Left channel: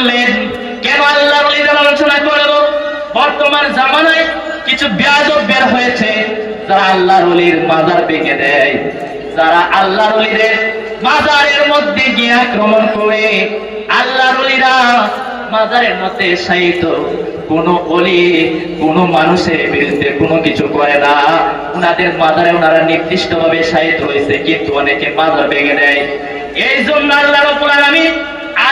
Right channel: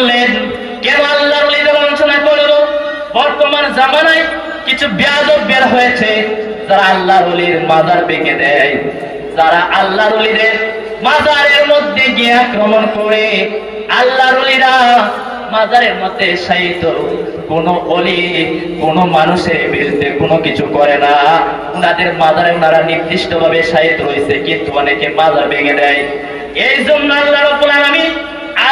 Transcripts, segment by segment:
বললেন, কেন আল্লাহ আলোচনা করব বর্তমান জামানায় কিছু বের হয়েছে। যারা আল্লাহর ওলির মাজার দেয়, যারা আল্লাহর ওলিদের মাজারের মধ্যে গিয়ে আক্রমণ করে, আল্লাহর ওলিরা মাজারের সাহিত্য কোন অলি কোন মানুষের বিরুদ্ধে কোনো কিছু করে না। ওনাদের মাজারে ওনারা নির্দিষ্ট ভাবে সাহিত্য রয়েছে কিন্তু অনেকে মাজার ভেঙে দেয়। এই জন্য আল্লাহ আলামিন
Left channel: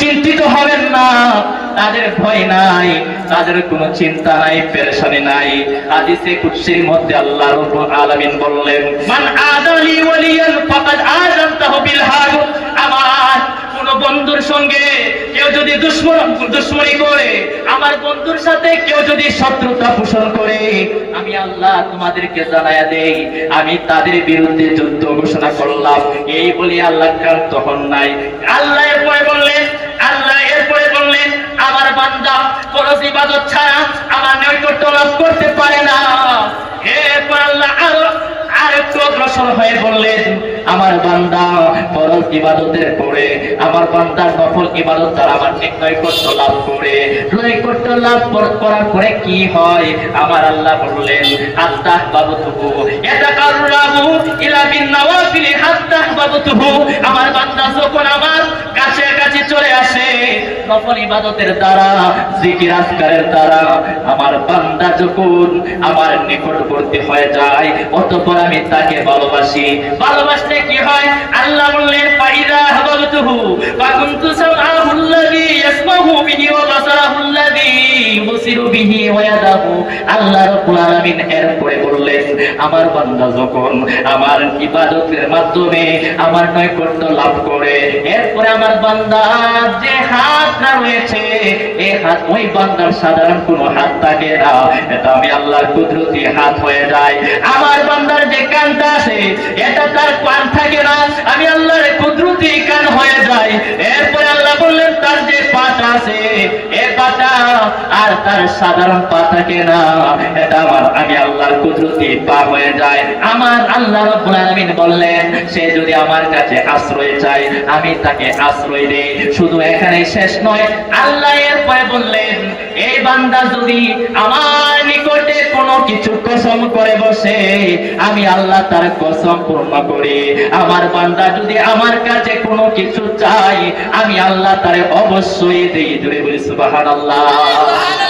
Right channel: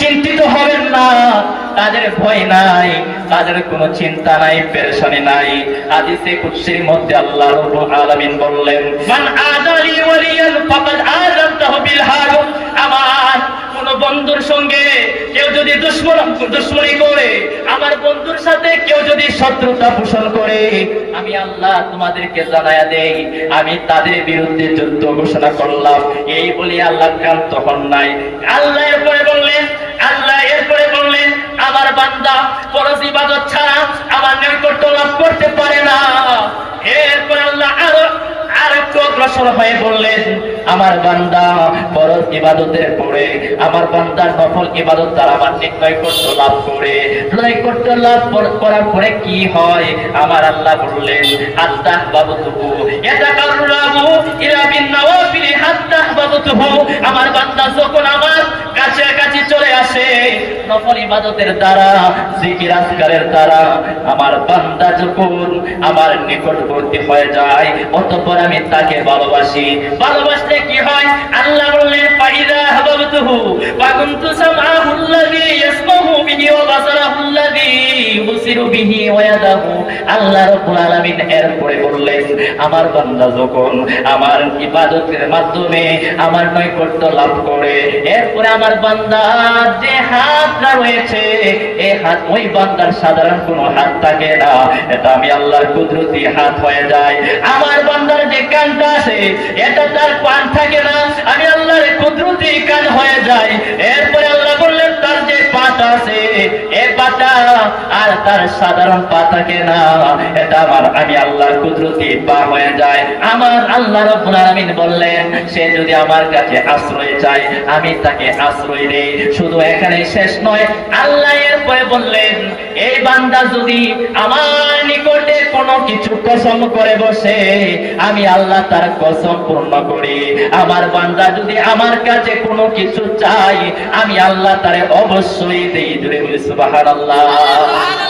চিন্তিত হবেন না। তাদের ভয় নাই, তাদের কোনো চিন্তা নাই, পেরেশানি নাই। হাদিসে কুদসির মধ্যে আল্লাহ রাব্বুল আলামিন বললেন, মান ওয়ালিয়ান ফাকাদ বিল আমার কোন বন্ধুর সঙ্গে কেউ যদি দুশ্মন, দুশ্মনী করে, আমার বন্ধুর সাথে কেউ যদি শত্রুতা পোষণ করে, আমি আল্লাহ তোমাদেরকে জানায়া দেই, আমি তাদের বিরুদ্ধে যুদ্ধ ঘোষণা করলাম। এই বলে আল্লাহ ক্রান্ত হন নাই। আল্লাহ এরপরে বললেন আল্লাহ এরপরে বললেন, আমার বান্দা, কোন বিবাদত ছাড়া আমার নৈকট্য লাভ করতে পারে না। এরপর আল্লাহ আরও, আরেকটু অগ্রসর হয়ে বললেন, আমার বান্দা ফরজ ইবাদতের পরে আমার বান্দার নফল ইবাদত তার আমার নৈকট্য লাভ করে। করার পরে কি হয়? আমার আল্লাহ বললেন ইলা বিন নওয়াফিলি হাত্তাহ বাবুতুহু আমার বান্দা যখন আমার কাছে কাছে চলে আসে, নফল ইবাদতের দ্বারা, জিকির আজকারের দ্বারা, আমার বান্দা যখন আমার নিকটবর্তী হয়ে যায়, অতঃপর আমি তাকে ভালোবাসি। ভালোবাসলে কি হয়? আল্লাহ বললেন, ফাইদা হাবাবতুহু ফাকুনতু সামাহুল্লাযী ইয়াসমাহু বিহি ওয়া বাসারাহুল্লাযী ইউবসিরু বিহি ওয়া ইয়াদাহু আল্লাহ রাব্বুল আলামিন এরপরে বললেন, আমার বান্দা যখন আমার ইবাদতের মাধ্যমে আমার নৈকট্য লাভ করে, এরপরে আমার বান্দা যে হাতটা রয়েছে এই হাত, ওই বান্দার সাধারণ কোনো হাত থাকে না। এটা আমি আল্লাহর কুদরতি হাত হয়ে যায়। আমার বান্দার যে কানটা আছে, এটা তার কান থাকে না। আমি আল্লাহর কুদরতি কান হয়ে যায়। এরপরে আল্লাহ বললেন, তার যে পাটা আছে পাটা আর তার সাধারণ না, এটা আমার আমি আল্লাহর কুদরতি হয়ে যায়। আমার আল্লাহ রাব্বুল আলামিন বললেন, সে যদি আমার কাছে আশ্রয় চায়, আমি তাকে আশ্রয় দেই। শুধু এখানেই শেষ নয়, আল্লাহ এরপরে বললেন, এই বান্দা যদি আমার নিকটে কিছু কসম করে বসে, আমি আল্লাহ তার কসম পূর্ণ করি। আমার বান্দা যদি আমার কাছে কোনো কিছু চাই আমি আল্লাহ তারে অবশ্যই দিই। জুড়ে বলি, সুবহানাল্লাহ।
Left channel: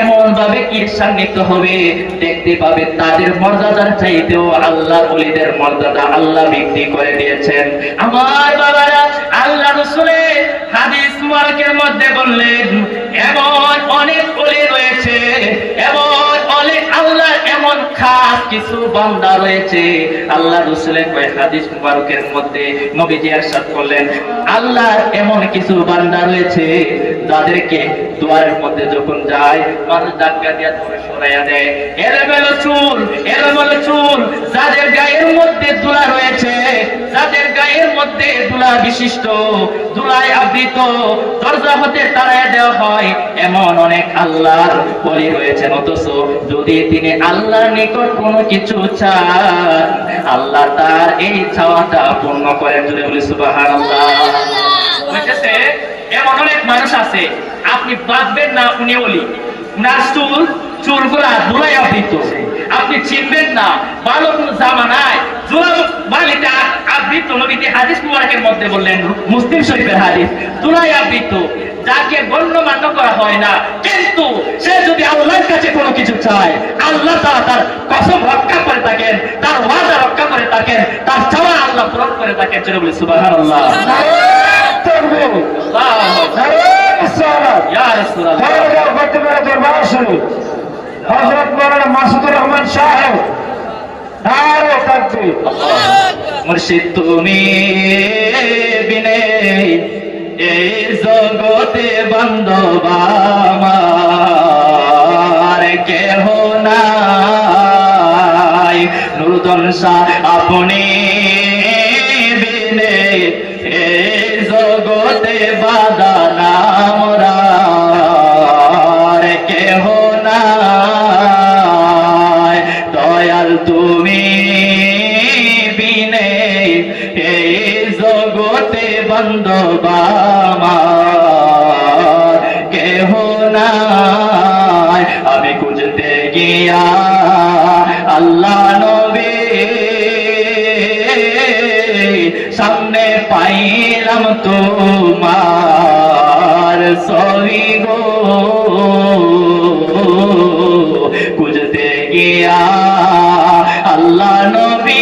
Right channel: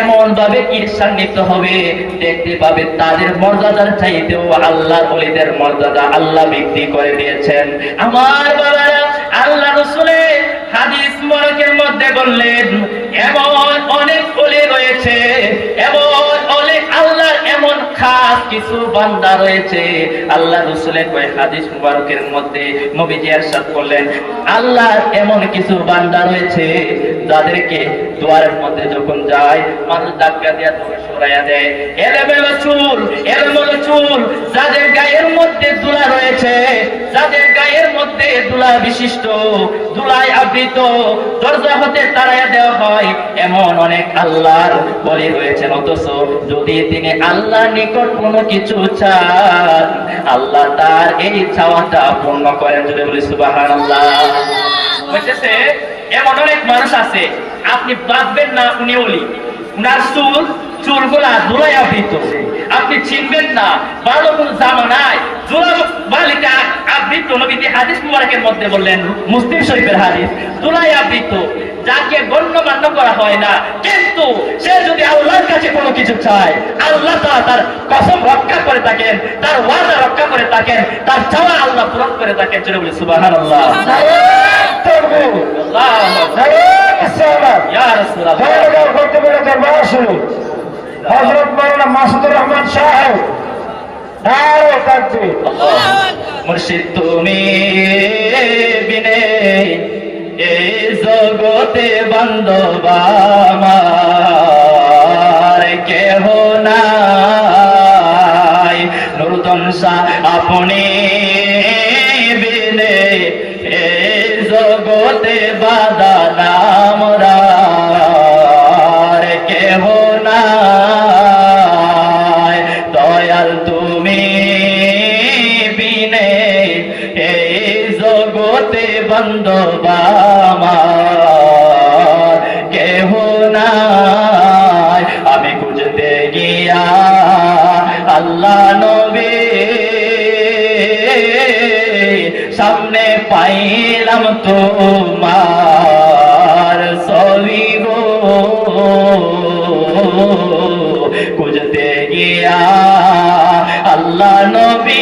এমন ভাবে কীর্ষান্বিত হবে, দেখতে পাবে তাদের মর্যাদার চাইতেও আল্লাহ বলিদের মর্যাদা আল্লাহ বৃদ্ধি করে দিয়েছেন। আমার বাবারা, আল্লাহ রসুলে হাদিস মার্কের মধ্যে বললেন, এমন অনেক অলি রয়েছে, এমন আল্লাহ এমন কিছু বান্দা রয়েছে যাদেরকে দুয়ারের মধ্যে যখন যায়, মানুষ ধাক্কা দিয়ে দূরে সরাইয়া দেয়, এলোমেলো চুল এলোমেলো চুল, যাদের গায়ের মধ্যে ধুলা রয়েছে, যাদের গায়ের মধ্যে দুলা বিশিষ্ট, দুলায় আবৃত, দরজা হতে তাড়ায় দেওয়া হয়, এমন অনেক আল্লাহর বলি রয়েছে অথচ যদি তিনি আল্লাহ নিকট কোনো কিছু চান, আল্লাহ তার এই চাওয়াটা পূর্ণ করেন। যদি বলি এমন অনেক মানুষ আছে, আপনি বাঁধবেন না, আপনি ওলি উনার চুল, চুলগুলা ধুলাই আবৃত আপনি চিনবেন না ভালো কোন জামা নাই আবৃত নবীতে হাদিস মুবারকের মধ্যে বললেন, মুসলিম শরীফের হাদিস ধুলাই আবৃত যাকে গণ্যমান্য করা হয় না। কিন্তু সে যদি আল্লাহর কাছে কোনো কিছু চায় আল্লাহ তার কসম রক্ষা করে থাকেন তার ওয়াদা রক্ষা করে থাকেন তার চাওয়া আল্লাহ পূরণ করে থাকেন চলে বলি হজরত মৌলানা মাসুদুর রহমান সাহেব মুর্শিদ তুমি বিনে এই জগতে বান্ধব আমার কেহ নাই। নূতন সা আপনি গিয়া আল্লাহ নবী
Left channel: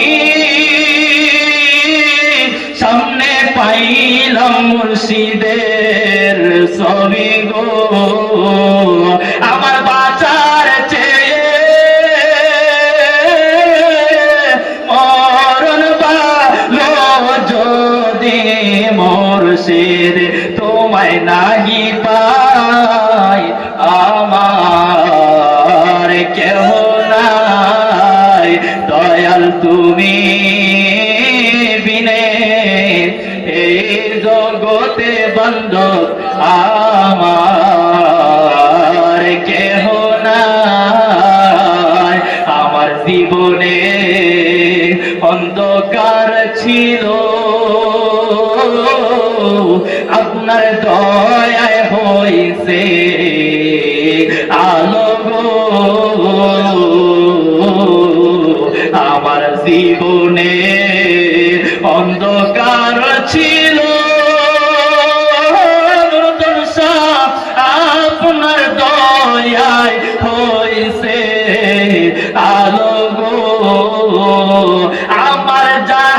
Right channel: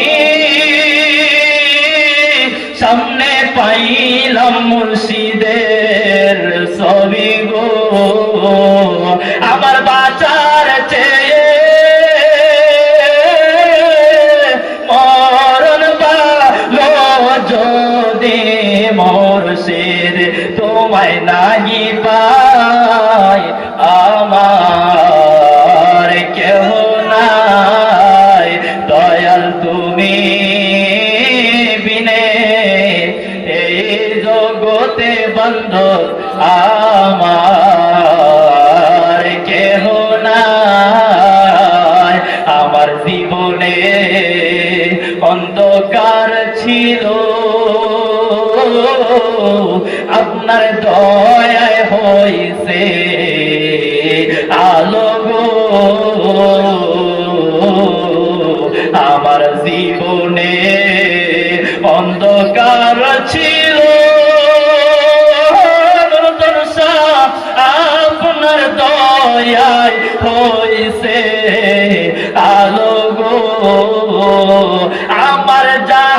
জীবনে অন্ধকার ছিল। আপনার দয়ায় হয়েছে আলো আমার জীবন আমার যা